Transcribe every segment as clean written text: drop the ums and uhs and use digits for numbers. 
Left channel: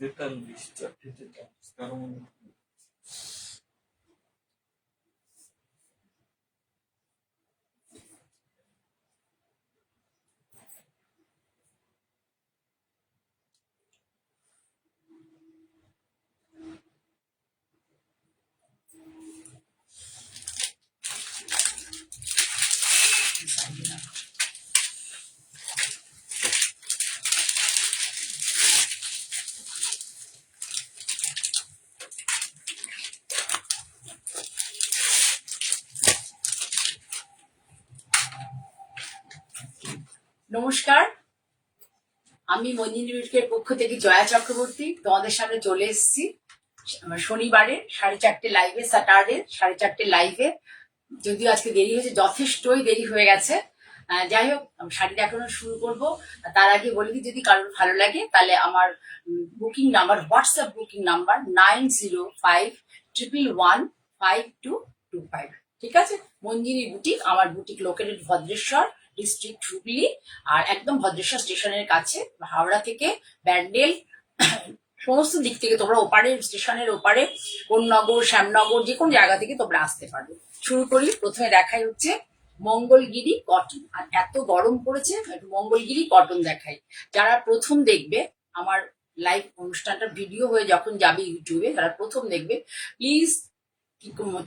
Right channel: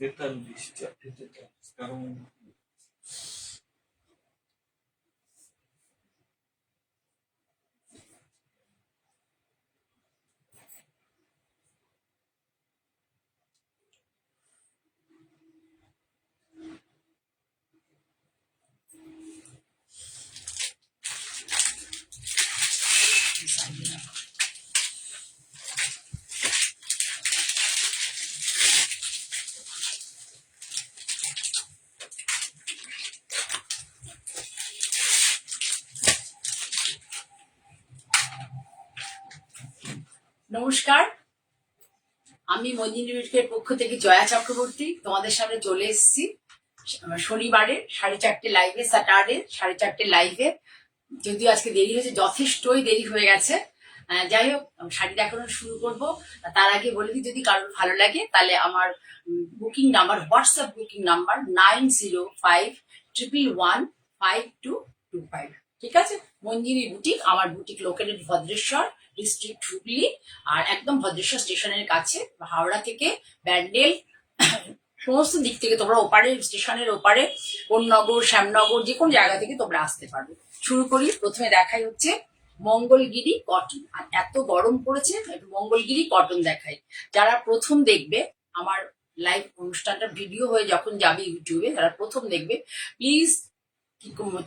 43, 43, কারণ নমস্কার, আমি মঞ্জিনী বিউটিকের পক্ষ থেকে জয়া চক্রবর্তী তোমাদের সামনে চলে এসেছি শনিবারে 4:30 লাইভে, স্যাটারডে 4:30 লাইভে। যদিও আজকে দেরি হয়েছে, যথেষ্টই দেরি হয়ে গেছে। যাই হোক, শাড়িটা এখনো শুরু করব। তার আগে বলে দিই, যদি কারোর ভালো লাগে তাহলে আমার booking number, WhatsApp booking number 9051115225। ঠিক আছে? মঞ্জিনী বুটিক, আমার boutique located Bhadreshwar district Hooghly, আর একদম ভদ্রেশ্বর স্টেশনের কাছে। হাওড়া থেকে ব্যান্ডেল সমস্ত দিক থেকে তোমরা ওপারে, স্টেশনের ওপারে কোন্নগর, শ্যামনগর, যে কোনো জায়গা থেকে তোমরা আসতে পারবে। শুরু করি। প্রথমে দেখাই হচ্ছে মঙ্গলগিরি কটন। আর এত গরম পড়েছে, একটু মঙ্গলগিরি কটন দেখাই। যারা প্রথম দেখবে আমার লাইভ অনুষ্ঠানটা, ভিডিও হয়ে যখন যাবে ইউটিউবে, যারা প্রথম দেখবে, প্লিজ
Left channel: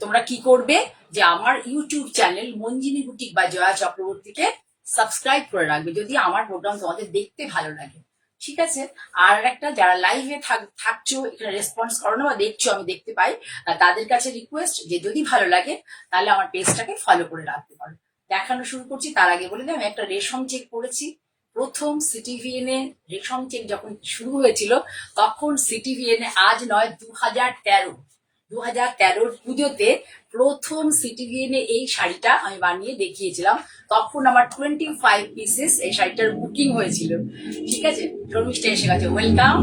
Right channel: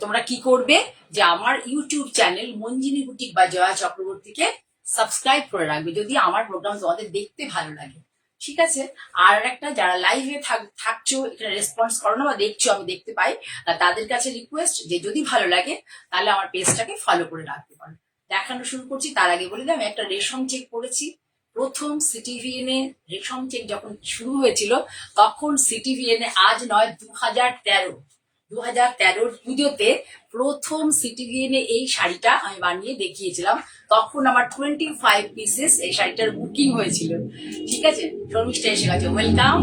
তোমরা কি করবে যে আমার ইউটিউব চ্যানেল মঞ্জিনী বুটিক বা জয়া চক্রবর্তীকে সাবস্ক্রাইব করে রাখবে, যদি আমার প্রোগ্রাম তোমাদের দেখতে ভালো লাগে। ঠিক আছে? আর একটা, যারা লাইভে থাকছো, এখানে রেসপন্স করো না বা দেখছো, আমি দেখতে পাই, তাদের কাছে রিকোয়েস্ট যে যদি ভালো লাগে তাহলে আমার পেজটাকে ফলো করে রাখতে পারো। দেখানো শুরু করছি। তার আগে বলে দিই, আমি একটা রেশম চেক করেছি। প্রথম সিটিভিএন এ রেশম চেক যখন শুরু হয়েছিল, তখন সিটিভিএন এ, আজ নয়, 2013 পুজোতে প্রথম সিটিভিএন এ এই শাড়িটা আমি বানিয়ে দেখিয়েছিলাম। তখন আমার 25 পিসেস এই শাড়িটার বুকিং হয়েছিল। ঠিক আছে? শর্মিষ্ঠা এসে গেছে, ওয়েলকাম।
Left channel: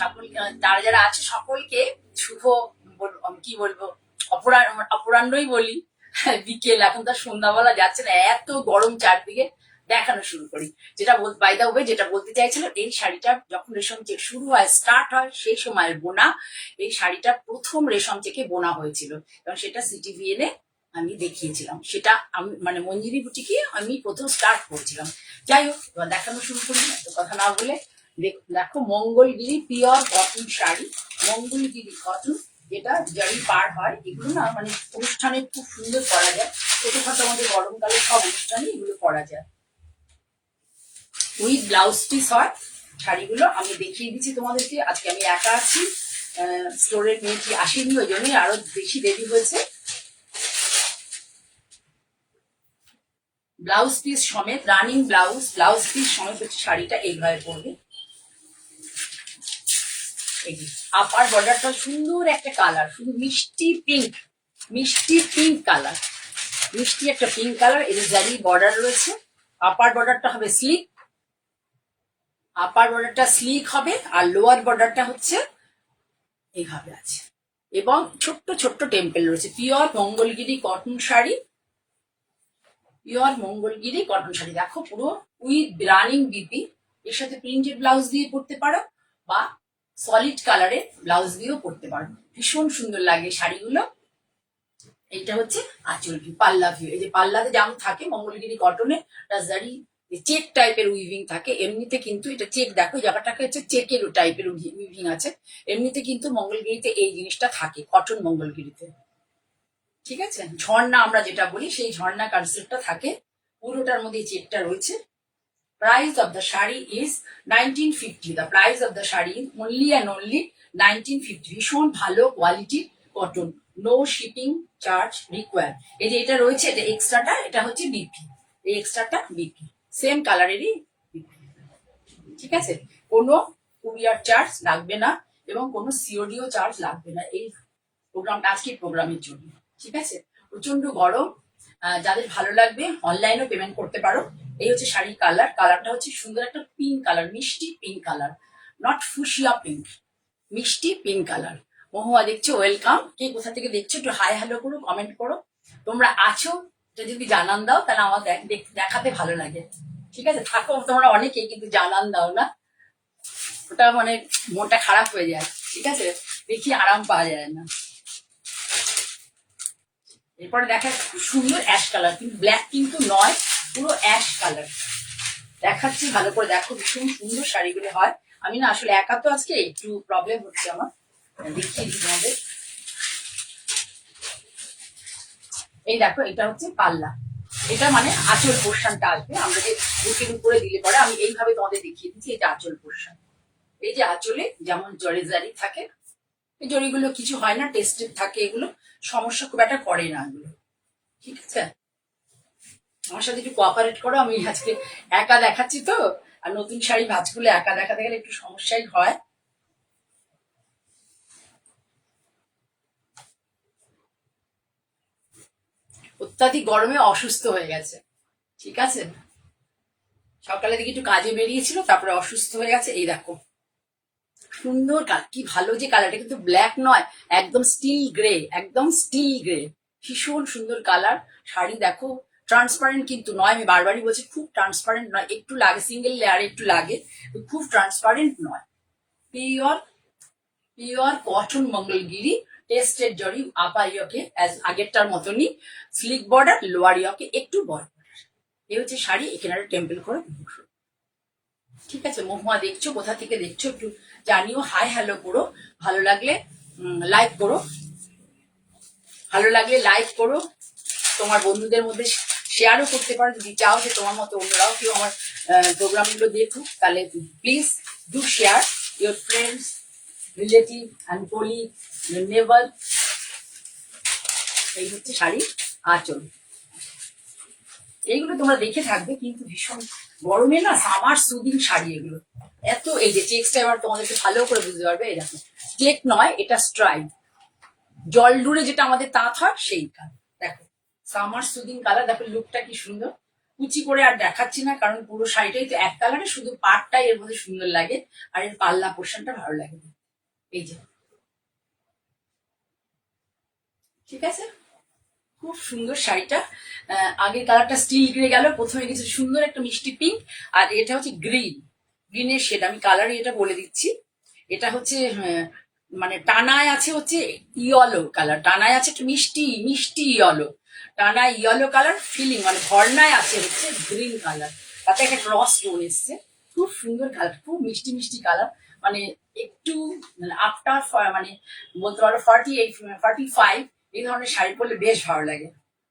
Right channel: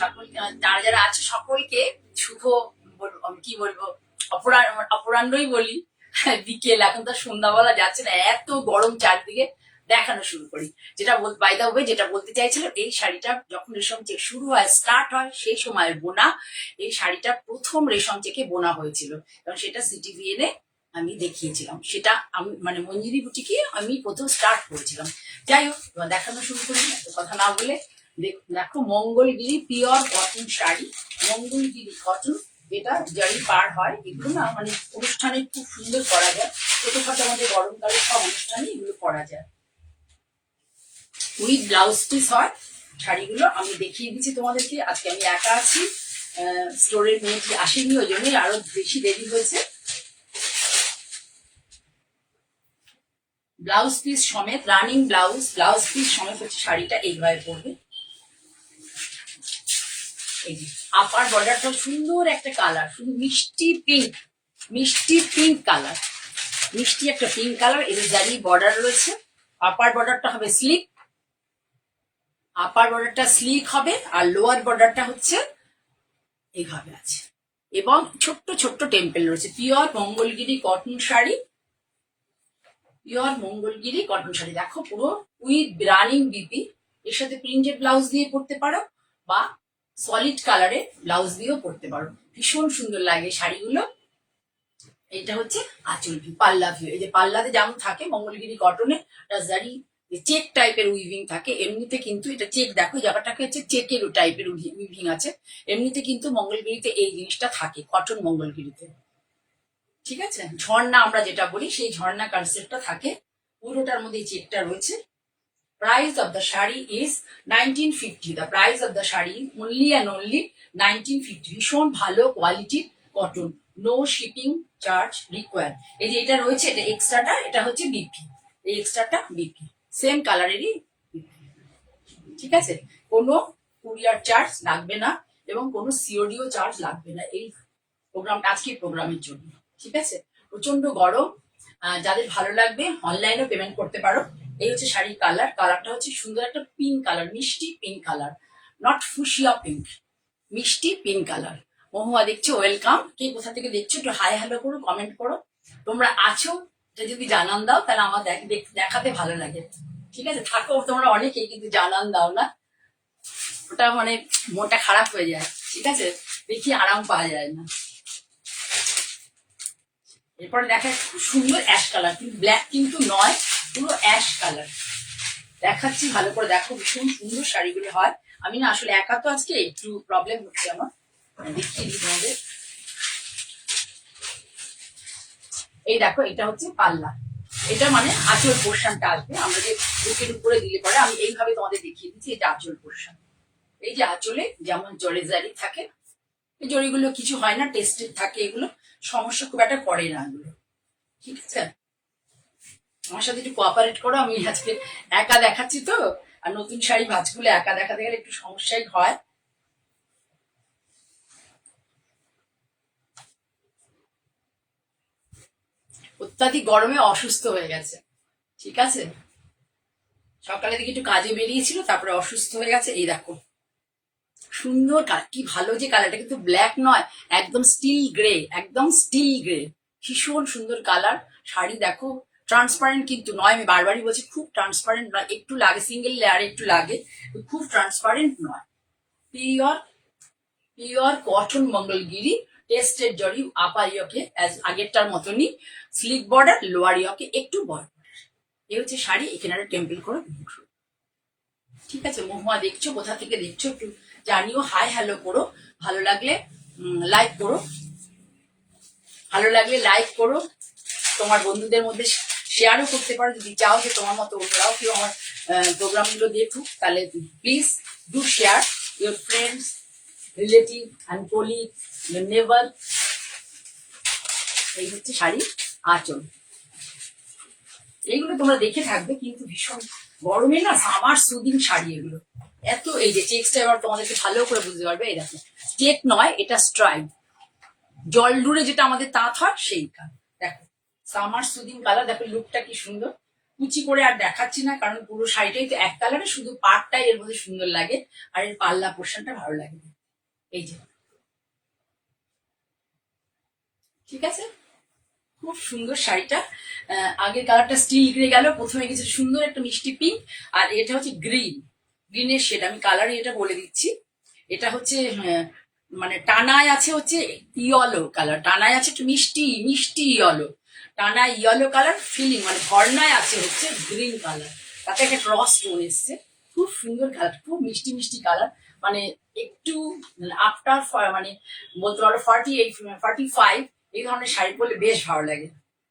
সকল যারা যারা আছে সকলকে শুভ, আমি কি বলবো, অপরাহ্নই বলি, বিকেল, এখন তো সন্ধ্যা বলা যাচ্ছে না, এত গরম চারদিকে। দেখানো শুরু করি। যেটা বাই দা ওয়ে, যেটা বলতে চাইছিলাম, এই শাড়িটা যখন রেশম চেক শুরু হয়, স্টার্ট হয়, সেই সময়ের বোনা এই শাড়িটা প্রথম রেশম চেকে বোনা হয়েছিল, এবং সেটা সিটিভিএন এ আমি দেখিয়েছিলাম। সেটা আমি মানে মঞ্জিনী বুটিকে আমি প্রথম স্টার্ট করেছিলাম। যাই হোক, দেখানো শুরু করি, এত কথা না বলে। দেখো, Mangalagiri pure cotton sari, Mangalagiri cotton, যেটা জারি পার হয়। এগুলো না মানে অনুষ্ঠানে খুব সুন্দর করা যায়, ছোটখাটো আমাদের গরমকালে সব অনুষ্ঠানে এগুলো করা যায়। উইথ ব্লাউজ পিস হয় শাড়িগুলো। আমি দেখিয়ে দিচ্ছি তোমাদেরকে। আজকে আমি একা আছি, স্টোরের মেয়েটি আসেনি, ওই জন্যই আরো বেশি দেরি হয়েছে। ব্লাউজ পিস সমেত, রানিং ব্লাউজ পিস সমেত হচ্ছে শাড়িটা। এইভাবে পড়বে। এই যে আপার বর্ডারটা সুন্দর একটা কালার, শুধু মিষ্টি পিঙ্ক কালার, মিষ্টি একটা পিঙ্ক কালার। এর জারি বর্ডার রয়েছে। আপার বর্ডারটা হবে স্লিক, আপার বর্ডারটা স্লিক হবে, আর লোয়ার বর্ডারটা হচ্ছে এইভাবে আছে, এবং ছোট্ট ছোট্ট টেম্পেল রয়েছে। Pure Mangalagiri cotton sari, pure Mangalagiri cotton sari. দেখো, পুরো উইথ রানিং বিপি। এর সাথে প্রিন্টেড ব্লাউজ দিয়ে পরতে পারো, বা সলিড কালারে ব্লাউজ দিয়েও পরতে পারো। ভীষণ সুন্দর লাগে শাড়িগুলো। এইটা হচ্ছে আঁচল ভিউ, পাল্লা ভিউ। এই যে পাল্লাতে যেমন থাকে মঙ্গলগিরি কটনে, জারি চেক টাইপের উইভিং থাকে। এমনিতে কিন্তু এটা চেক, দেখো জায়গাটাকে হচ্ছে চেকের টাইপের উইভিং আছে। এমনিতে কিন্তু মঙ্গলগিরিতে এই জিনিসটা থাকে, কটন মঙ্গলগিরিতে। ঠিক আছে? ঝর্ণা আমরা যেটা বলি, সেই ঝর্ণা কনসেপ্টটা থাকে পুরোটার মধ্যে। এই চেকটা রয়েছে। Price of the sari is 1950. The price of the sari only and only 1950. ভীষণ ভালো কোয়ালিটির cotton, no shipping charge require. এই যে এটা রয়েছে, এটা এক্সট্রাটা, এটা হচ্ছে বিপি। এই এক্সট্রাটা বিপি, সেম কালারেরই বিপি। ঠিক আছে? কোনো কুরিয়ার চার্জ লাগবে না, এবং কোনো সিওডিও চার্জ লাগবে না এই প্রোগ্রামটা, আজকের প্রোগ্রামের জন্য। ঠিক আছে? প্রচন্ড গরম, যাদের ভালো লাগবে অনলাইনেও পেমেন্ট করতে পারো। এই হচ্ছে শাড়ির কালার। কালারটা হচ্ছে সুন্দর একটা পিঙ্ক কালার, মিষ্টি pink colour, not fuchsia pink, মিষ্টি পিঙ্ক কালার। মহুয়া দেখছো, ওয়েলকাম। কে কোথা থেকে দেখছো একটু হাই হ্যালো করো, কমেন্ট করো। তোমরা আছো এটা যদি জানান দাও, তাহলে আমার দেখাতে ভালো লাগে। ঠিক আছে? থাকো তোমরা অনেকেই, কিন্তু জানান দাও না। ওটা মানে মনটা খারাপ হয়ে যায়, ঠিক আছে, দেখি আরাম পাওয়া যায় না। এরপরে দেখা খুব সুন্দর অ্যাশ কালার, কিন্তু ব্ল্যাক কিন্তু নয়, পুরো অ্যাশ কালার দেখাচ্ছি, ভালো করে দেখো, ভীষণ সুন্দর শাড়িগুলো হয়। আমি না আসলে একা তো আজকে একটু প্রবলেম হচ্ছে আমার, দেখিয়ে দিই তোমাদের। এই দেখো, এটা হচ্ছে পাল্লা, এটা মানে আঁচল পোর্শনটা আসবে, আমরা যে বুকের উপরে দিলে পরে আমি এইভাবে তোমাদের দেখিয়ে দিচ্ছি, এটা আঁচল পোর্শন। এই যে আঁচলে যেমন জরি জারি থাকে, এই জরিগুলো কিছু হয় না, টেস্টেড থাকে, এগুলো সমস্যা খুব একটা করে না এগুলো, ঠিক আছে। আমার সাথে একটু কোঅপারেট করো, আমি আজকে একা দেখাচ্ছি তো, আর নতুন শাড়ি ভাঁজগুলো একা দেখাতে গেলে একটু সমস্যাই হয়। অত্যাধিক গরমে অসুস্থ হয়ে গেছে, ঠিক আছে, সকালে দিকে একটু কাজে বেরিয়েছিল, তারপরে অসুস্থ হয়ে গেছে। এই দেখো সুন্দর কালার, কি ভালো যে কালারটা, কিন্তু ব্ল্যাক নয়, একদম স্টিল গ্রে, একদম স্টিল গ্রে, ভীষণ সুন্দর কালার। শাড়ি দেখো ট্রান্সপারেন্ট কিন্তু নয়, আমি বারবারই বলছি খুব ট্রান্সপারেন্ট নয়, একটু লাগে সিঙ্গেল লেয়ারে একটু লাগে, খুব ট্রান্সপারেন্ট নয়। Pure pure cotton Mangalagiri, tested zari, আপার ইয়কে আগেরটার মতনই, স্লিক বর্ডার, লোয়ার ইয়কে একটু বড়। এই হচ্ছে শাড়ি, এখানে টেম্পল করে, ঠিক আছে। মহুয়া দেখছো, কোথা থেকে দেখছো একটু জানিও, হাই হ্যালো করো, ভালো লাগলে লাইক করো, ভালো লাগলে লাইক করো, তোমার বন্ধুদের মধ্যে শেয়ারও করতে পারো, যদি চাও যে তোমার মতো অন্যরাও কেউ আমার প্রোগ্রামগুলো দেখুক, তাহলে please do share your friends, relative and colleague, your নেবার। এই হচ্ছে শাড়ি আঁচল, এইগুলো তোমরা দেখে থাকবে, কিন্তু ভীষণ গরমে না সামার সুদিং শাড়ি এগুলো এত। এই যে চেক্সটা এবার তোমাদেরকে ভালো করে বুঝতে পারবে, এই দেখো চেক নয়, এটা স্ট্রাইপ, জল ডুরে যেটা আমাদের তাঁত হয় সেইটা, দেখো সামার সুদিং কালার, দেখো লুকটা কি সুন্দর। কুচি করে আর দেখাচ্ছি না, কারণ পুরো শাড়িটাই তো এক কালারে, শুধু পাটটাই এর মধ্যে সুন্দর লাগে, আর এর পাল্লা পোর্শনটা ভালো লাগে। এই যে, ঠিক আছে, খুব সুন্দর শাড়িটা। আগের কালারটা স্টিল গ্রে গেল, প্রথমে গেছে সুন্দর একটা মিষ্টি পিঙ্ক, আর এটা হচ্ছে গ্রিন, গ্রিনের শেড, আমি কালারই এটা বলে দিচ্ছি। এটা হচ্ছে মানে টানায় আছে হচ্ছে ইয়েলো কালার, টানায় আছে একটু মিষ্টি মিষ্টি ইয়েলো, টানায় ইয়েলো কালার ফিলিং, মানে ভর্নায় আছে হচ্ছে গ্রিন কালার, তাতে একটা ক্রস স্টোন এসছে, খুব সুন্দর কালার, খুব মিষ্টি মিষ্টি কালার, মানে একটু আফটার মানে বলতে পারো 45 এই ধরনের শাড়ি পরলে বেশ ভালো লাগে।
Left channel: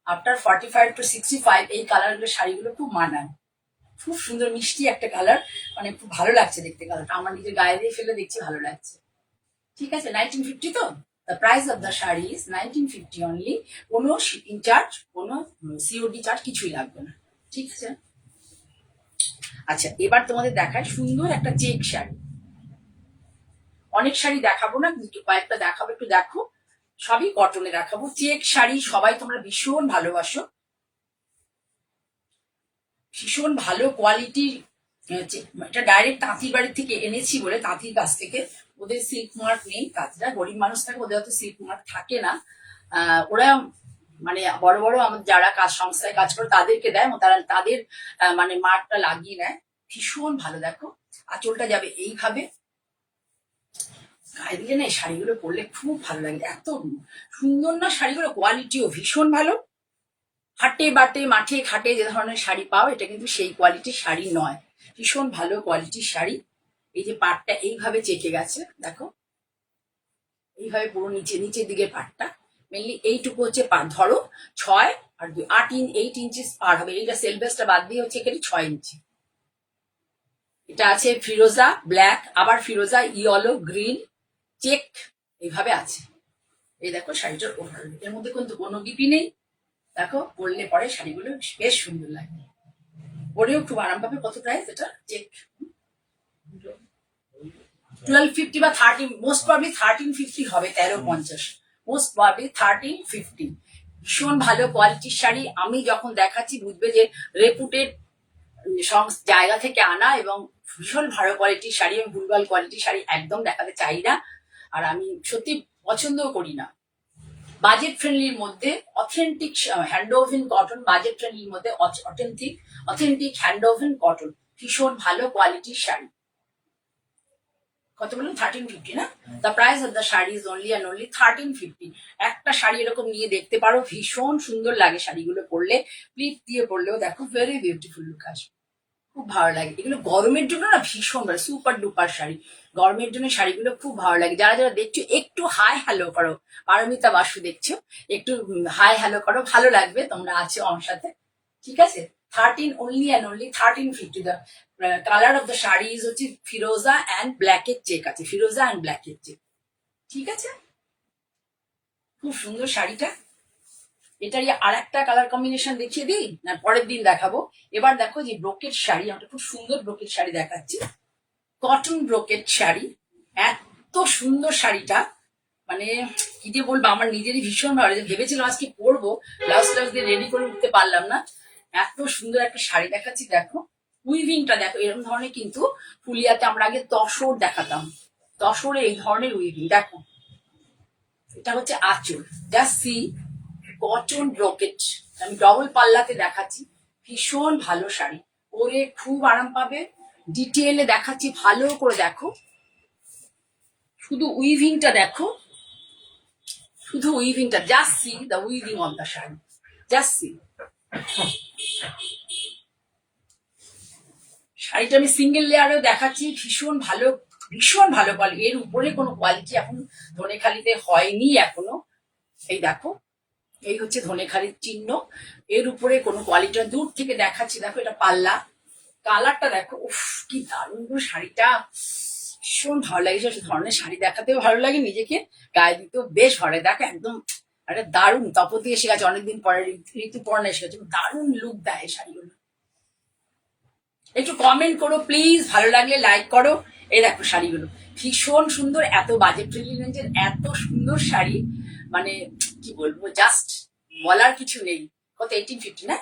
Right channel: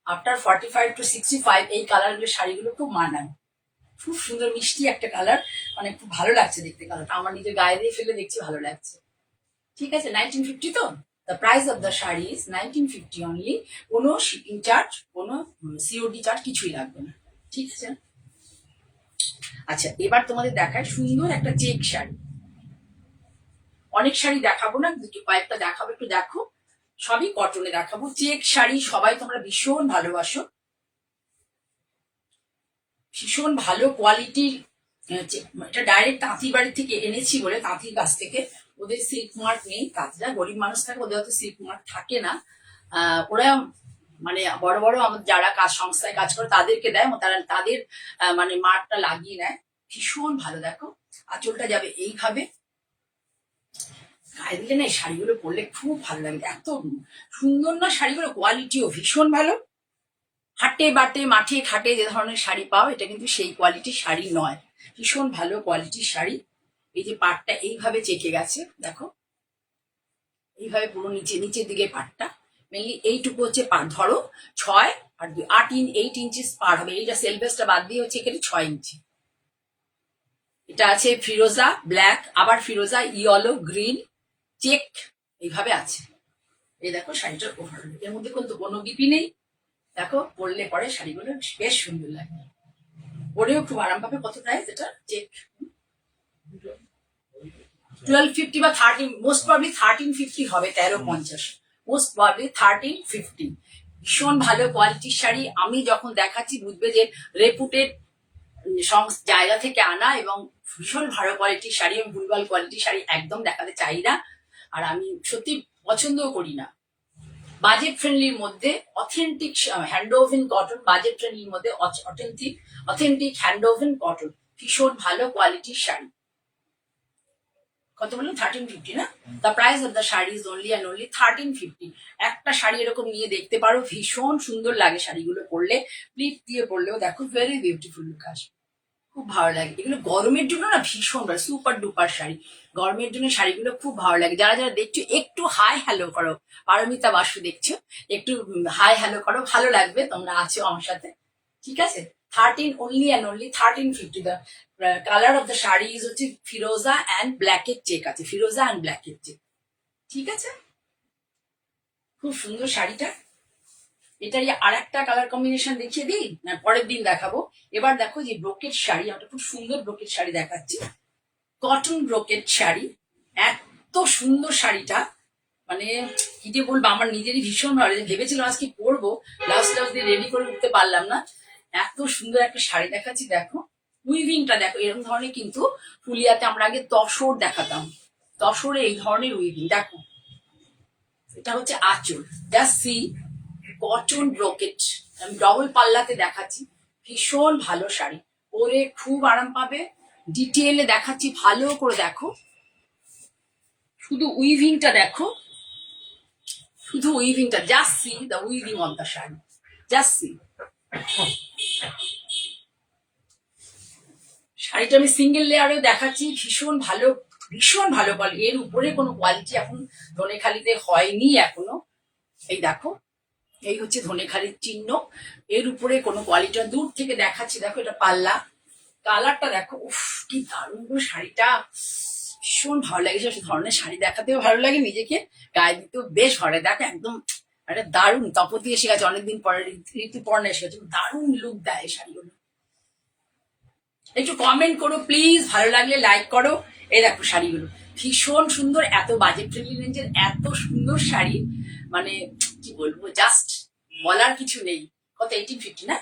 আফটার 45 to 65 এই কালারগুলো শাড়িগুলো খুব মানায়, খুব সুন্দর মিষ্টি একটা কালার, মানে খুব ভালো লাগছে দেখতে কালারটা, আমার নিজের গায়ে দিয়ে ফেলে দেখছি ভালো লাগছে, ঠিক আছে। 1950 তো, the price of the sari is 1950 only, কোনো শিপিং চার্জ, কোনো সিওডি চার্জ কিছুই লাগবে না, ঠিক আছে। আচ্ছা, এবার তোমাদের দেখায় সুন্দর একটা চেক শাড়ি, অনেক শাড়ি দেখাবো না, কয়েকটা দেখাবো, একটু দেখো, সবই কটনে দেখাবো। চেক শাড়ি সবাই তোমরা ভীষণ ভালোবাসো, ভীষণ ভালো কোয়ালিটির। এটা ডাইরেক্ট তাঁতির বাড়ি থেকে এনেছি বলে, তাঁতির কাছ থেকে, ওদের সিল্ক মার্ক নেই, তাঁতিরা গরিব মানুষ থাকে, ওদের হয়তো সিল্ক মার্ক থাকে না, ওরা মানে বড় বড় আমাদের যারা কাজ সংস্থায় কাজ করে তাদেরকে দেয়, তারা তাদের মানে মার্কটা লাগিয়ে নেয়, ভীষণ ভালো। দেখো আঁচলটা যাবে এইভাবে, গায়ে দিলে না এই শাড়িগুলো পরলে খুব ভালো লাগে, এত সুন্দর না শাড়িগুলো, কোয়ালিটিও ভীষণ ভালো। হাটে বাটে মাঠে ঘাটে যে ধরনের শাড়ি পাও, এটা কিন্তু সেই কোয়ালিটির শাড়ি নয়, ভীষণ ভালো কোয়ালিটির শাড়ি। এই যে পাটটা এইভাবে চেকে গেছে, দেখো এইভাবে পুরো নিচে নিচের দিকে পাটটা, মেনলি এইটুকু হচ্ছে পাট, ধরো 6 আর 2 8 ইঞ্চি পার হবে, এইটা সেলভেসটা বাদ দিয়ে হচ্ছে এখানে 6 ইঞ্চি। এটা আছে ফিরোজা ব্ল্যাক, আবার ফিরোজা ইয়েলো গ্রিন চেক, এইভাবে আছে। এই দেখো শাড়িটার ওভার, এর মধ্যে কিন্তু কোনো গিপি নেই, দেখো পরলে পরে শাড়িগুলো বেশ সুন্দর লাগে, পরেও খুব আরাম পাবে। কত প্রাইস এটা চেক? 1250 বা 13, মোস্ট প্রবলি 1350 হবে, 1350, মোস্ট প্রবলি 1350। ভীষণ ভালো কোয়ালিটির শাড়ি, আমি যখন দেখাচ্ছি বুঝবে যে রেপুটেড জায়গা থেকে আনা, এবং ভীষণ ভালো কোয়ালিটির শাড়ি, আমি ভুলভাল কোয়ালিটির শাড়ি একদম দেখাতে চাই না, আর আমি সত্যি পছন্দও করি না। বাজেট ফ্রেন্ডলির মধ্যে authentic hand woven cotton, budget ফ্রেন্ডলির মধ্যে অথেন্টিক হ্যান্ড ওভেন কটন, ভীষণ ভালো কোয়ালিটির শাড়ি। কত বললাম 1350 না? The price of the sari is only and only 1350। একটা শাড়ি এরকম নিয়ে দেখতে পারো, ভীষণ সুন্দর লাগে শাড়িগুলো পরলে, প্লিট দিয়ে পরলেও দেখো ভেরি বিউটিফুল লুক আসবে, খুব ভালো লাগে। এগুলো গরমের জন্য না ভীষণ ভালো, সুপার ডুপার শাড়ি, গরমের জন্য শাড়িগুলো খুব ভালো লাগে। যারা যারা দেখছো একটু হাই হ্যালো করো, পারমিতা বাসু দেখছো, একটু হাই হ্যালো করো, ভালো লাগবে, তোমরা আছো আমার সাথে, ঠিক আছে? 13 only and only 1350। the colour of the sari is হচ্ছে ফিরোজা অ্যান্ড ব্ল্যাকের চেক আছে, ফিরোজা অ্যান্ড ব্ল্যাকের চেক, ঠিক আছে? খুব সুন্দর শাড়িটা। এটারই আর একটা কালার কম্বিনেশন দেখিয়ে দিই না পরের দিন দেখাবো? এবার দেখো যে ব্রোকেট শাড়ি, একটা খুব সুন্দর ব্রোকেট শাড়ি দেখাচ্ছি, কটন ব্রোকেট শাড়ি। এত সুন্দর শাড়িটা, মানে কি দিয়ে বলবো, আমার নিজেরই ভীষণ ভালো লাগে। ভেবেছিলাম আজকে পরবো, ব্লাউজ টাউজ দিয়ে রেডি করে উঠতে পারলাম না। এত সুন্দর একটা শাড়ি দেখাচ্ছি, দেখো উইভিংটা দেখো, এরকম ধরনের কিন্তু ফুলিয়াতে আমরা আগে তসর দেখাতাম, তসরে এই ধরনের উইভিং দেখো। এটা হচ্ছে আঁচল, জাস্ট সি, কটন ব্রোকেট, আমি ডবল পাল্লাতে দেখাচ্ছি, ভীষণ ভালো শাড়ি, পরে খুব আরাম পাবে। ডিটেলে দেখাচ্ছি, ভালো করে দেখো, শুধু উইভিংটা দেখো, শুধু উইভিংটা, just see the weaving of the sari, just see. শাড়িটা আমি সিঙ্গেল লেয়ারেও দেখাচ্ছি, ভীষণ ভালো, ভীষণ ভালো কোয়ালিটি। এর উপরে কোনো কোয়ালিটি এখন ধনেখালিতে হয়নি এখনো। এই দেখো, এই হচ্ছে ধনেখালির চিহ্ন, এর উপরে কোনো কোয়ালিটি দূর থেকে দেখাচ্ছি। দেখো এটা পাল্লা, কালারটা দেখো, উফ কি দারুণ গো শাড়িটা, ভীষণ ভালো লাগে। সে ধরনের শাড়ি দেখাতেও ভালো লাগে, নিজেকে গায়ে দিতেও বেশ ভালো লাগে। দেখো একদম একটা দারুণ, তপতি এসে গেছে অনেকদিন পরে, ঋতুপর্ণা এসে গেছে, দারুণ লুক দেয় শাড়িগুলো। একটু কমেন্ট করো প্লিজ, ভালো লাগলে লাইক করো। এই দেখো শাড়িগুলো ভীষণ সুন্দর, এত বাজেট ফ্রেন্ডলি রেঞ্জের এত সুন্দর শাড়ি, মানে কি বলবো, জাস্ট বলার কিছু নেই। কত? 1850 না?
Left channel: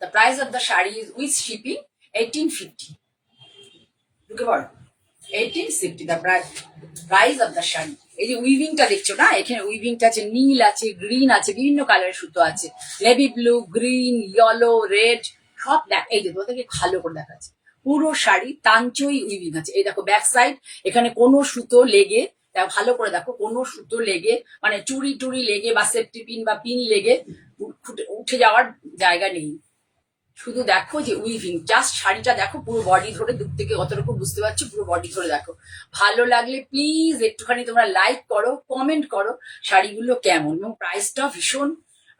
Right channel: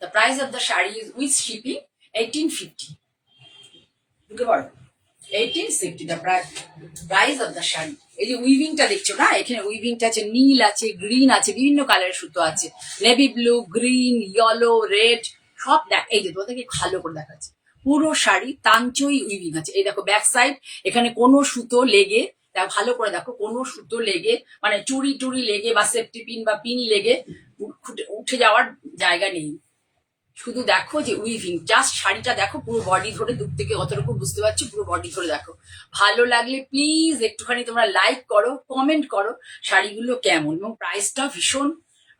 The price of the sari is with shipping 1850। ঢুকে পড়ো, 1850 the price of the sari. এই যে উইভিংটা দেখছো না, এখানে উইভিংটা আছে, নীল আছে, গ্রিন আছে, বিভিন্ন কালারের সুতো আছে, navy blue, green, yellow, red, সব দেখ। এই যে তোমাদেরকে ভালো করে দেখাচ্ছে, পুরো শাড়ি তাঞ্চই উইভিং আছে। এই দেখো ব্যাক সাইড, এখানে কোনো সুতো লেগে, ভালো করে দেখো, কোনো সুতো লেগে মানে চুড়ি টুড়ি লেগে বা সেফটি পিন বা পিন লেগে উঠে যাওয়ার জায়গা নেই। শুধু দেখো যে উইভিং, জাস্ট শাড়িটা দেখো, পুরো বডি ধরে, দূর থেকে কতটুকু বুঝতে পারছো, পুরো বডি ধরে দেখো। ভালো লাগলে প্লিজ একটুখানি তোমরা লাইক করো, কমেন্ট করো শাড়িগুলো কেমন, এবং প্রাইসটা ভীষণ,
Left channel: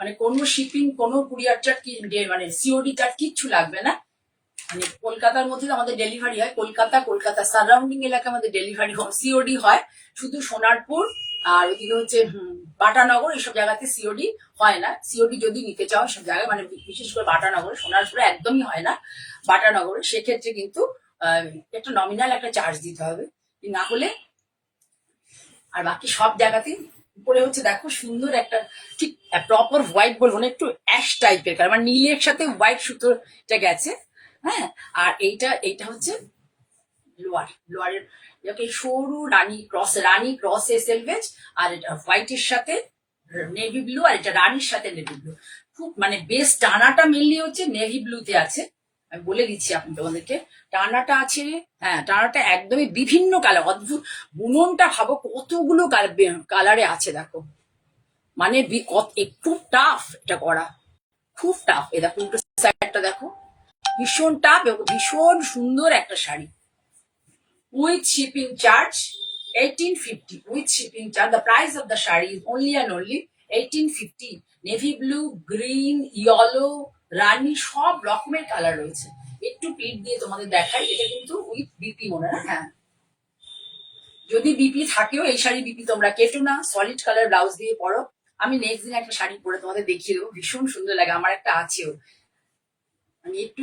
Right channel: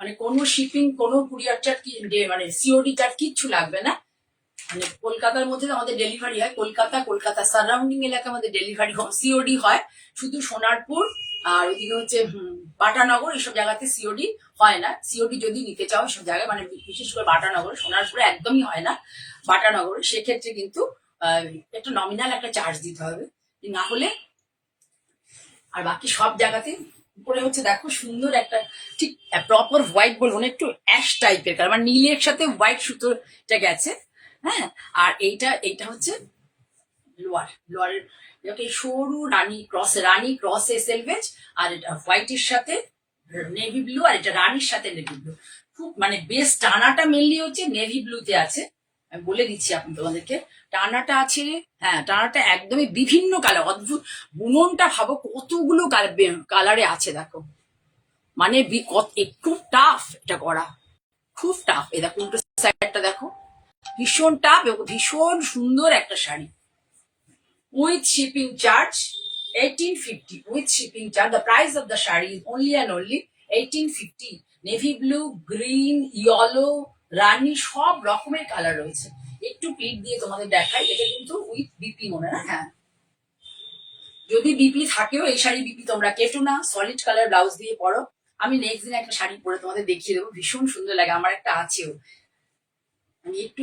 মানে কোনো শিপিং, কোনো কুরিয়ার চার্জ, মানে সিওডি চার্জ কিচ্ছু লাগবে না। মানে কলকাতার মধ্যে আমাদের ডেলিভারি হয়, কলকাতা সারাউন্ডিং এলাকা আমাদের ডেলিভারি সিওডি হয়, শুধু সোনারপুর আর ওইদিকে হচ্ছে বাটানগর, এইসব জায়গাতে সিওডি হয় না। সিওডি যদি নিতে চাও সব জায়গায়, মানে বিশেষ করে বাটানগর, সোনারপুরে একদমই হয় না, বাটানগরে সেক্ষেত্রে কিন্তু একটা নমিনাল একটা চার্জ দিতে হবে, না হলে। আর বাকি সব জায়গাতে উপরে হচ্ছে দেখো সুন্দর একটা, ঠিক প্রপার হোয়াইট বলবো না, একটু অ্যাশ টাইপের কালার, মানে নীলের সাথে হোয়াইট সুতোটা গেছে, হ্যাঁ। আর এইটা হচ্ছে লোয়ারের সরু রানী ক্রস সেলভেজ, আর এটা হোয়াইটের সাথে নেভি ব্লু, আর এটা রানীর সাথে নেভি ব্লু। খুব মানে বেশ, টানাটা মেনলি হচ্ছে নেভি ব্লুতে আছে, আমি বলে দিচ্ছি এখন তোমাদেরকে, টানাটা আছে, হ্যাঁ টানাটা একদমই বিভিন্ন কালার, অদ্ভুত বুননটা ভাবো কতগুলো কালারে আছে দেখো, মানে খুব টাফ এটা করা, খুব টাফ। এ দেখো উল্টো সাইডটা দেখো, ভীষণ টাফ এবং ভীষণ সুন্দর একটা sari. With shipping charge 1850, with shipping charge the price of the shari is only and only 1850। Navy blue, green, yellow, rani, সব রকমের কালার রয়েছে। একটু পিট দিয়ে তোমাদের দেখাই, এটা কিন্তু উইথ বিপি মনে না, হ্যাঁ যদি বিপি থাকেও এই শাড়ি বিপি তোমরা কেটো না, সলিড কালার ব্লাউজ দিয়ে পরো। আমি নেক্সট দিন একটা শাড়ি পরে তোমাদের দেখিয়ে দেবো, ভীষণ সুন্দর লাগে, আমার একটা আছেও, আমি একটু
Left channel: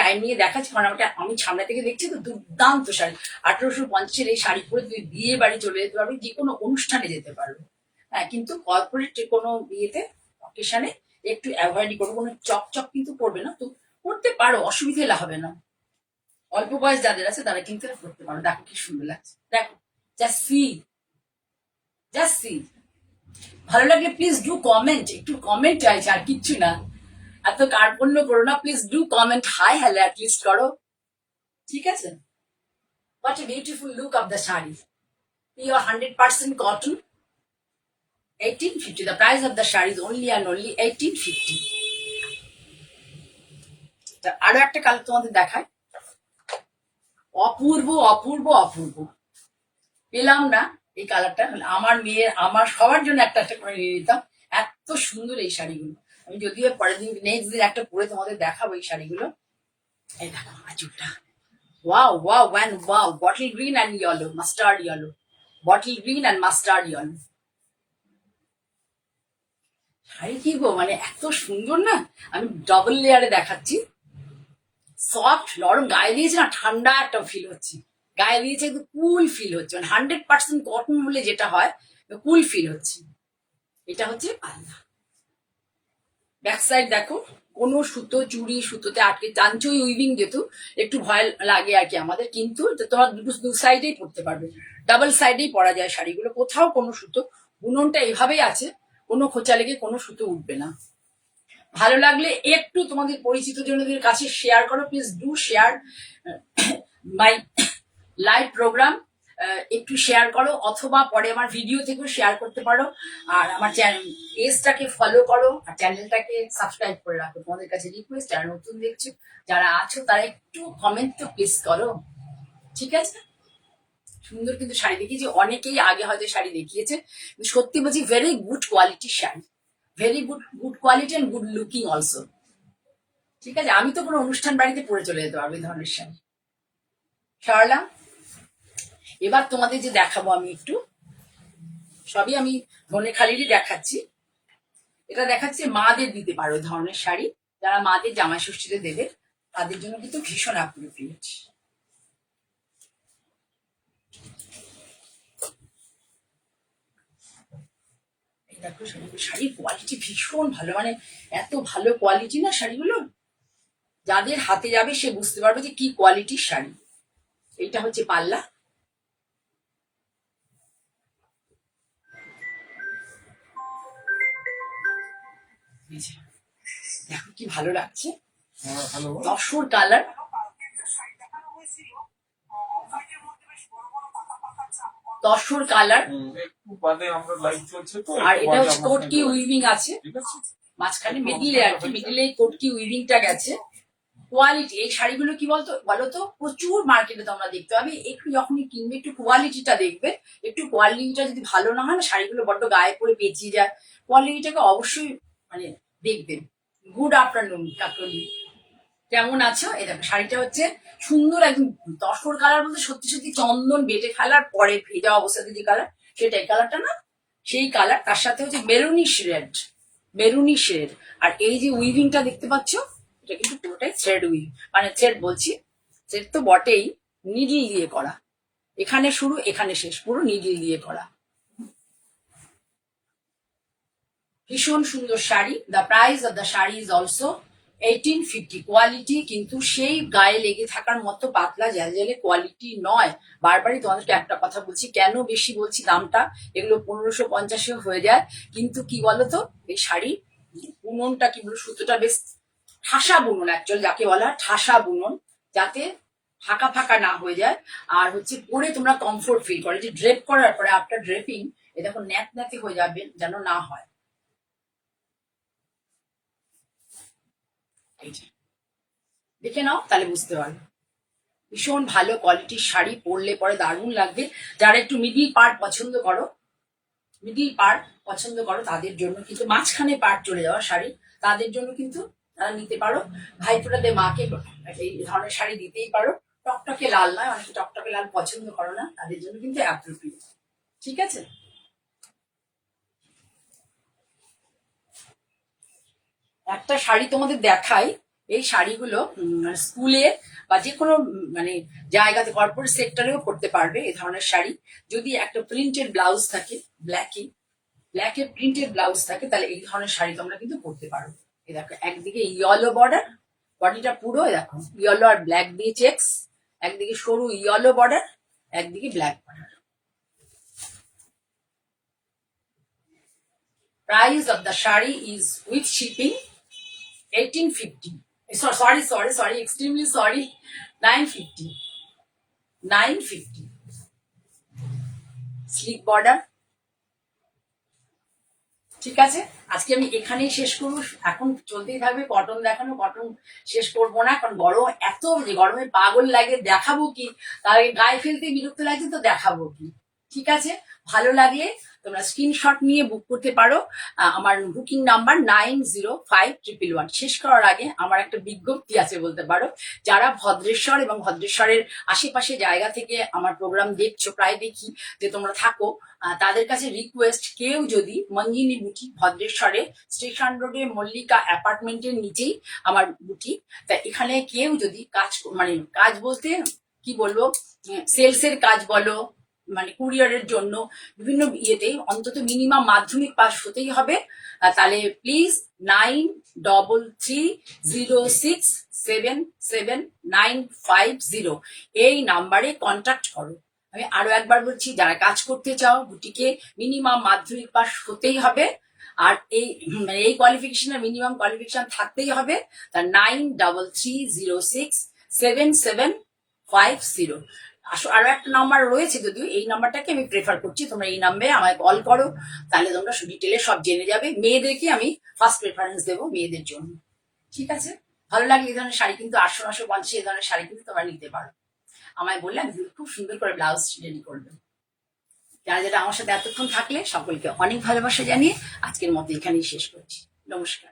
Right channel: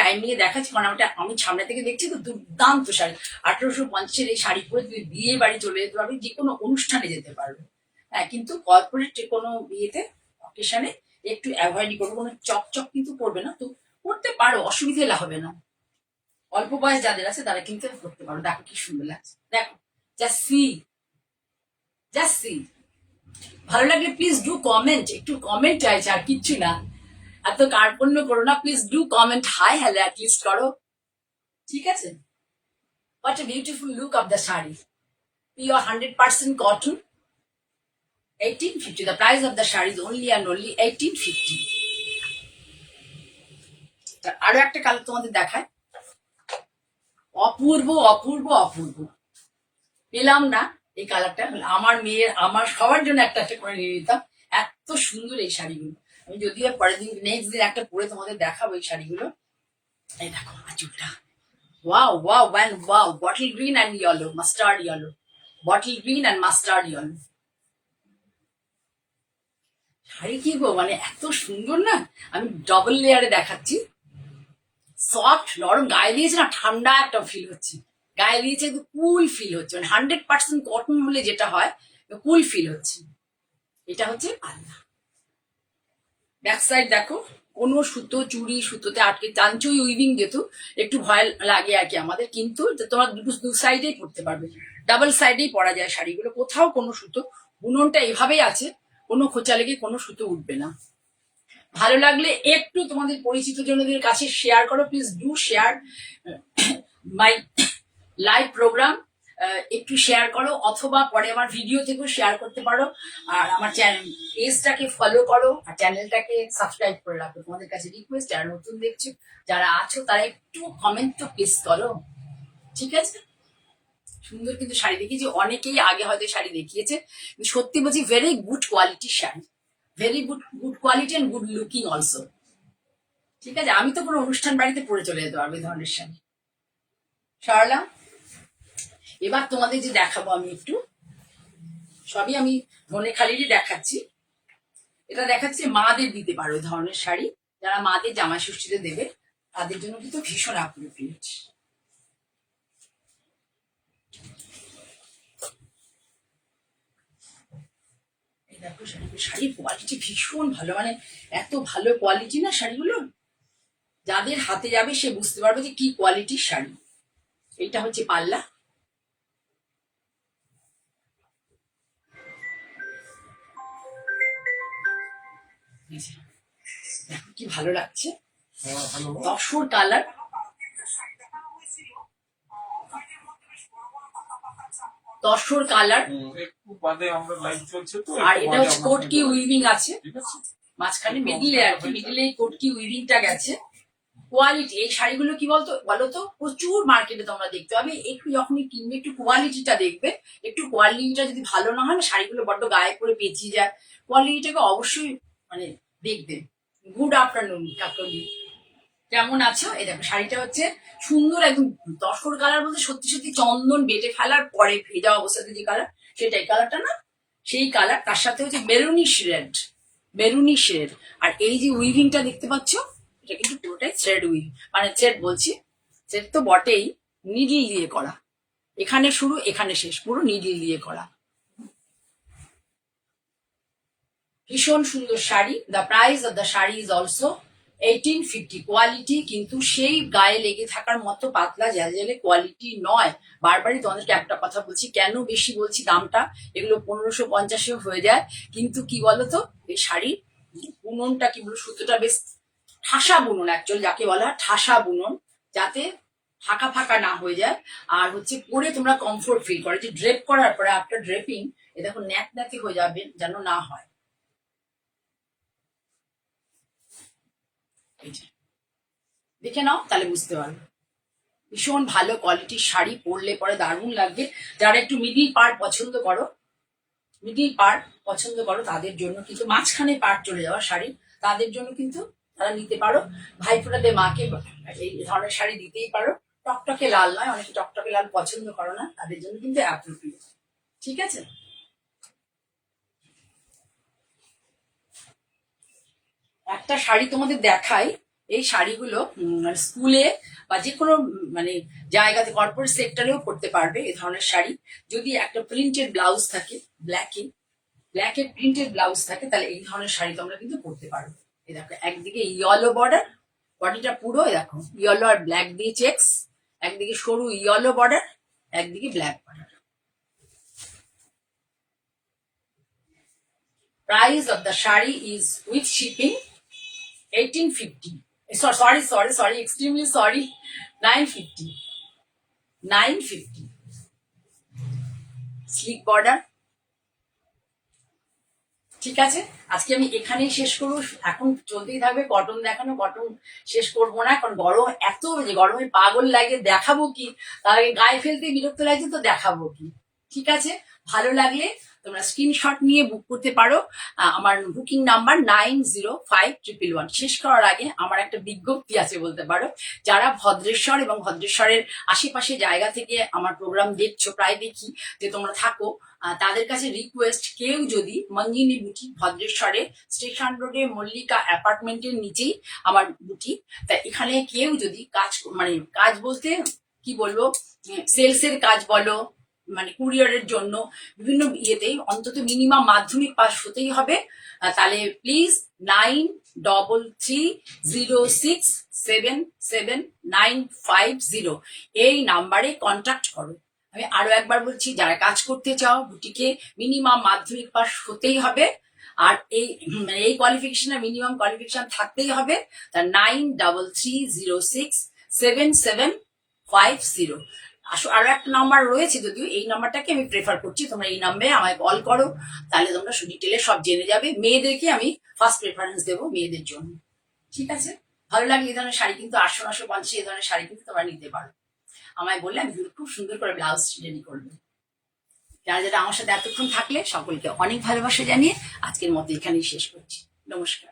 টাইম নিয়ে দেখাচ্ছি, কারণ আমি সামনে থেকে দেখছি তো, দুর্দান্ত শাড়ি। 1850 এই শাড়ি পরে তুই বিয়ে বাড়ি চলে যেতে পারবি, যে কোনো অনুষ্ঠানে যেতে পারবে, হ্যাঁ। কিন্তু কর্পোরেট কোনো বিয়েতে অকেশনে একটু অ্যাভয়েড করবো, কোনো চকচক কিন্তু পরবে না, তো পড়তে পারো, অসুবিধে হবে না। অল্প বয়স যাদের আছে তারা কিন্তু পড়তে পারো। দেখো কি সুন্দর লাগছে, দেখো, জাস্ট সি। ভালো লাগলে প্লিজ ডু কমেন্ট, একটু কমেন্ট চাইছে, আর কিচ্ছু না, এত কার্পণ্য করো না, please do comment, hi hello at least করো, ঠিক আছে? What a beautiful look of the sari, pure 100% cotton, 1850. The price of the saree is only and only 1850. আরো একটা কালার তোমাদের দেখায়, অপূর্ব অপূর্ব অপূর্ব। পেলাম না এই কালারটা, আমার মেয়ের আমার সবার জন্য একটা একটা করে নিয়ে নিতাম। এত সুন্দর এই শাড়িগুলো। আমি যদিও পরের দিন নেক্সট দিন একটা পরে তোমাদের দেখাবো এই শাড়িগুলো। এই দেখো আঁচলটা, wow wow one wow, bottle green and yellow, mustard yellow, bottle green and mustard yellow. Sari কি গো, মানে এত সুন্দর না। আমি ডবল লেয়ারে দেখাচ্ছি, সফট নরম, গায়ে দিয়েছে না ঠান্ডা একটা ফিল হচ্ছে, গায়ে দিয়েছে একটু কুল ফিল হচ্ছে, মানে 100% কটন হলে যেটা হয় কুল ফিল হচ্ছে। এটা হচ্ছে পাল্লা। ব্যাক সাইড দেখো, কোনো সুতো চুড়ি সুতোতে আটকে, চাঞ্চই উইভিং যেহেতু একটু ভয় লাগে আর কি আমাদের, কিন্তু তোমার দু সাইডেই পরতে পারবে, ডাবল সাইডেই পরা যায় শাড়িগুলো, কোথাও কোনো সুতো, বুননটা এভাবেই আছে, কোনো খোঁচা লেগে কোনো সুতো উঠবে না। ভালো লাগলে একটু তোমাদের পরিচিত জনদের কাছে শেয়ার করো, please do share my live programme, একটু শেয়ার করো, অথবা পরে আমার ভিডিও থেকেও শেয়ার করতে পারো। আর আমার চ্যানেল পেজটাকে ফলো করো, আর চ্যানেলটাকে সাবস্ক্রাইব করে রাখো। তোমাদের কাছে রিকোয়েস্ট, যারা নতুন দেখছো, যারা আছো, তারা একটু কমেন্ট তো প্লিজ করো, ঠিক আছে? সুন্দর কিন্তু শাড়ি দেখিয়েছি, অনেকেই আগে হয়তো শাড়ি দেখিয়েছে, সত্যি বলছি ভেরি গুড কোয়ালিটির sari, very good quality and good looking also, ঠিক আছে? আমি তো কোনো অনুষ্ঠান বাড়িতে পরে চলে যেতে পারবো এই ধরনের শাড়ি। সরলা, এবার তোমাদের যে দেখাবো আমি একটু, সবই আমি ধনেখালিরই দেখাচ্ছি। এটা দেখাচ্ছি মাদের দিতে পারো এই ধরনের শাড়ি, যারা মাদের জামাই ষষ্ঠীতে দেবে তাদের জন্য কিন্তু ভীষণ অ্যাপ্রোপ্রিয়েট। এই দেখো শাড়ির কোয়ালিটি ভীষণ ভালো, মানে এত ভালো কোয়ালিটি না শাড়িগুলো, যাদের হাতে যাবে সে বুঝতে পারবে যে কি কোয়ালিটির শাড়ি। এটা হচ্ছে পাল্লা, দেখো কি ভালো লাগছে, তসর কালার, তসর কালার, আর এটা হচ্ছে কোটকি উইভিং আছে মাঝখানে, মিডিলে আর কি, মিডিলে কোটকি উইভিংটা গেছে। কোয়ালিটি এই শাড়িগুলো কি বলতো প্রচুর মার্কেটে তোমরা দেখতে পাবে, একটু যখনই কিনবে একটু কোয়ালিটিটা দেখবে, একটু কোয়ালিটিটা যদি ভালো না হয় না, শাড়িগুলো বড্ড গায়ে পরে পেঁচিয়ে যায়, কোয়ালিটিটাকে অবশ্যই মানে দেখবেন। গুড আফটারনুন কাকলি, কেমন আছো? এই দেখো শাড়িটা হচ্ছে সুন্দর একদম তসর কালার, বলতে সত্যি সত্যি চন্দন বেটে ফেলার পরে ভেজা অবস্থাতে যে কালার, সেটাই কালারটা না, সেই কালার, তার সাথে হচ্ছে মেরুনিশ রেড, মেরুনিশ রেড। আর এই যে উইভিংটা দেখতে পাচ্ছ, এটা কিন্তু পুরোটাই থ্রেড উইভ, মানে থ্রেড বলছি, থ্রেড তো বটেই, নিডল দিয়ে করা, এখানে শুরু এখানে শেষ, পুরো নিডল দিয়ে করা। ভীষণ সুন্দর sari. The price of the sari is also 1850। Quality কিন্তু সেই গায়ে লেগে থাকার মতো পাতলা জ্যালজ্যালে কোয়ালিটি নয়। বারবারই তোমাদেরকে একটা কথা বলছি, কেন বেশি বলছি দামটা, এগুলো 1550 হয়ে যায়, কিন্তু কি বলতো এই শাড়ির বুননটা কি বলবো, সুতোটা বেশ ঠাসা বুনন, অ্যাকচুয়াল যাকে বলা ঠাসা বুনন, যাতে ফাঁকা ফাঁকা না হয়ে যায়, আর হচ্ছে পরে তোমরা কমফোর্ট ফিল করে, যে ড্রেপ করার পরে আফটার ড্রেপিং এ দেখো ন্যাক ন্যাকে হয়ে যাবে যেন না হয়। দেখে নাও তাহলে বুঝতে পারবে, ভীষণ ভালো কোয়ালিটির শাড়ি, পরলে পরে দারুণ লাগবে। যারা একটু মিডিল পার্ট পছন্দ করো, মিডিল পার্ট পছন্দ করো তাদের জন্য কিন্তু, মাঝখানে পার্ট চলে যাওয়া শাড়ি, তাদের জন্য কিন্তু তারা নিতে পারো। ভাইফোঁটাতে মাকে এই ধরনের শাড়ি দিতেই পারো, টকটকে লাল নয়, অনেকে টকটকে লাল পছন্দ করো না, তাদের জন্য কিন্তু অ্যাপ্রোপ্রিয়েট, ঠিক আছে? একটা শাড়ি তোমাদের দেখাই, এই শাড়িগুলো স্কুলে বা যে কোনো মানে জায়গাতে কর্পোরেট সেক্টরেও পড়তে পারবে এই ধরনের শাড়ি, যদি একটা প্রিন্টেড ব্লাউজ থাকে, ব্ল্যাকের প্রিন্টেড ব্লাউজ থাকে, তাহলে এই ধরনের শাড়ি তোমরা কিন্তু পরতে পারো। এই দেখো একদিকে ইয়েলো বর্ডার, বডিটা পুরো দেখো ইয়েলো আর ব্ল্যাক দিয়ে চেক্স, একদিকে সরু ইয়েলো বর্ডার, একদিকে black border. Price of the sari is with shipping 1850. Sorry, extremely sorry. 950. Slick border. ঠিক আছে, আজকে আমি এখানেই শেষ করবো। এখন চলতেই থাকবে কটন দেখানো, কটন শেষ করবো না, কারণ গরম এত, যে গরমে পাগল লাগে, দেখাবো কি, তাই গায়ে ফেলতে বিরক্ত লাগছে তো দেখাবো কি। ঠিক আছে, ভালো লাগলে তোমরা স্ক্রিনশট নিয়ে বুক করতে পারো। আমার বুকিং নাম্বার 905111। শেষ করার আগে আমার একটা বিজ্ঞপ্তি আছে বলতে পারো। যারা ভদ্রেশ্বর এবং ভদ্রেশ্বরের আশেপাশে জায়গা থেকে আমার প্রোগ্রাম দেখছো, প্রায় দেখি যে তোমরা থাকো, তাদের কাছে রিকোয়েস্ট, কেউ যদি মঞ্জিনী বুটিক ভদ্রেশ্বরে স্টেশন রোডে মল্লিকা অ্যাপার্টমেন্টের নিচেই আমার বুটিক, তা এখানে কেউ যদি কাজ, মানে কাজ বলতে কি বলবো, সেলসের কাজ বলো, মানে কুরিয়ারের জন্য বিভিন্ন ইয়েতেই অন্তত মিনিমাম মাধ্যমিক পাস হতেই হবে। তাহলে প্লিজ 9306777950 এই নাম্বারে কন্ট্যাক্ট করো। আমি আরো একবার বলছি, যারা কাজ করতে চাও বুটিকে মিনিমাম মাধ্যমিক পাস হতেই হবে, আর এই কোয়ালিফিকেশনের মিনিমাম কোয়ালিফিকেশন থাকতেই হবে। তা 9306777950। আরো একটা নাম্বার রয়েছে, যদিও এই নাম্বারটাকে আমি প্রেফার করছি, তোমরা এই নাম্বারে আমায় কল করো, তাহলে তোমরা ডিটেলে সব জেনে যাবে। মেয়েদেরকে আমি ফার্স্ট প্রেফারেন্স দেবো মেয়েদের জন্য। ঠিক আছে, ভালো লাগলে এই ধরনের শাড়ি কিন্তু 800-950 এই ধরনের শাড়ি কিন্তু তোমরা নিতে পারো। আমায় বললে আমি খুব সুন্দর করে ব্লাউজ রেডি করবে। যারা যারা আমার সাথে এতক্ষণ থাকলে সকলকে অনেক ভালোবাসা জানিয়ে আজকের মতো এখানেই শেষ করছি। নমস্কার।